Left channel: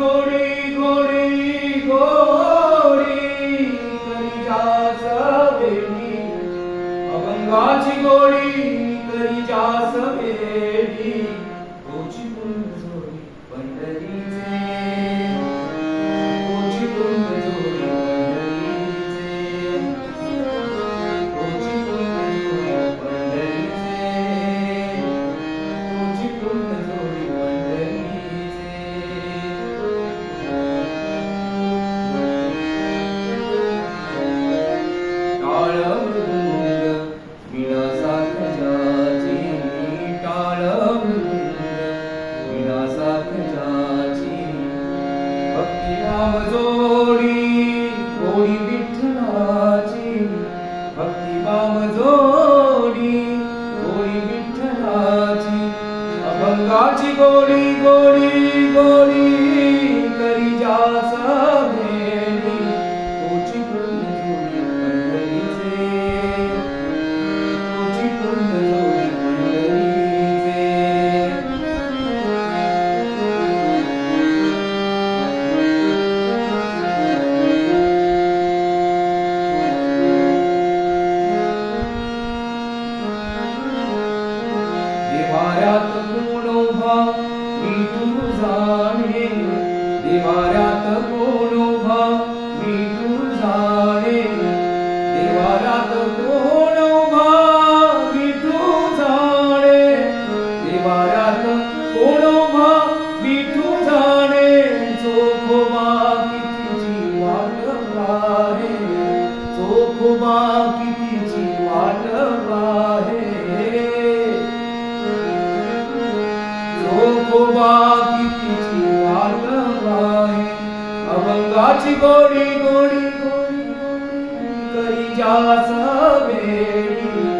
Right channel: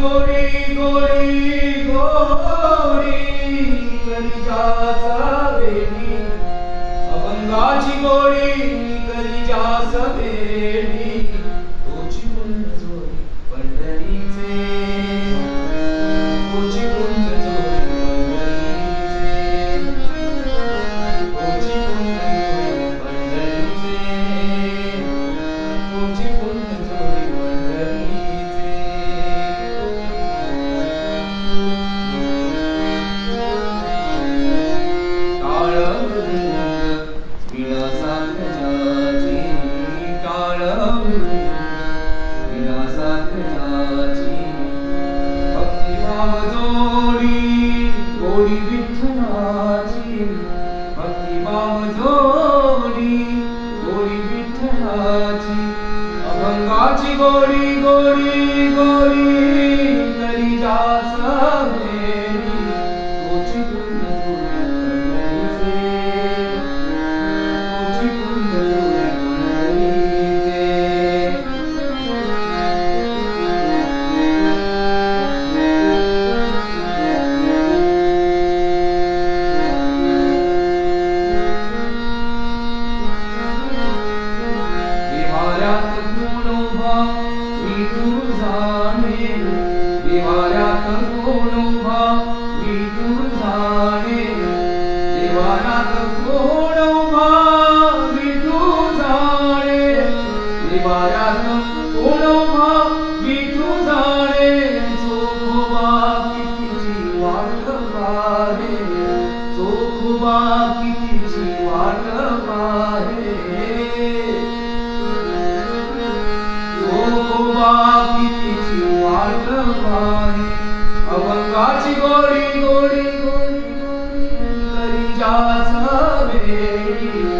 गोडी गोडी गोडी करी जास वेडी अभंगाची गोडी करी जास वेडी तोची कुंड जोडी पंढरीचे तोची कुंड जोडी पंढरीचे तोची कुंड जोडी पंढरीचे टाळ मृदुंग विलासात जाची टाळ मृदुंग विलासात जाची भक्तिभाव जोडी गोडी विठ्ठलाची भक्तिभाव जोडी गोडी विठ्ठलाची अभंगाची गोडी गोडी गोडी करी जास वेडी तोची कुंड जोडी पंढरीचे तोची कुंड जोडी देवाऱ्यात कोण उभा विठू जाणे देवाऱ्यात कोण उभा विठू जाणे देवाऱ्यात कोण उभा विठू जाणे देवाऱ्यात कोण उभा विठू जाणे चोखोबा कितीची वाट पाहे चोखोबा कितीची वाट पाहे चोखोबा कितीची वाट पाहे अभंगाची गोडी गोडी गोडी करी जास वेडी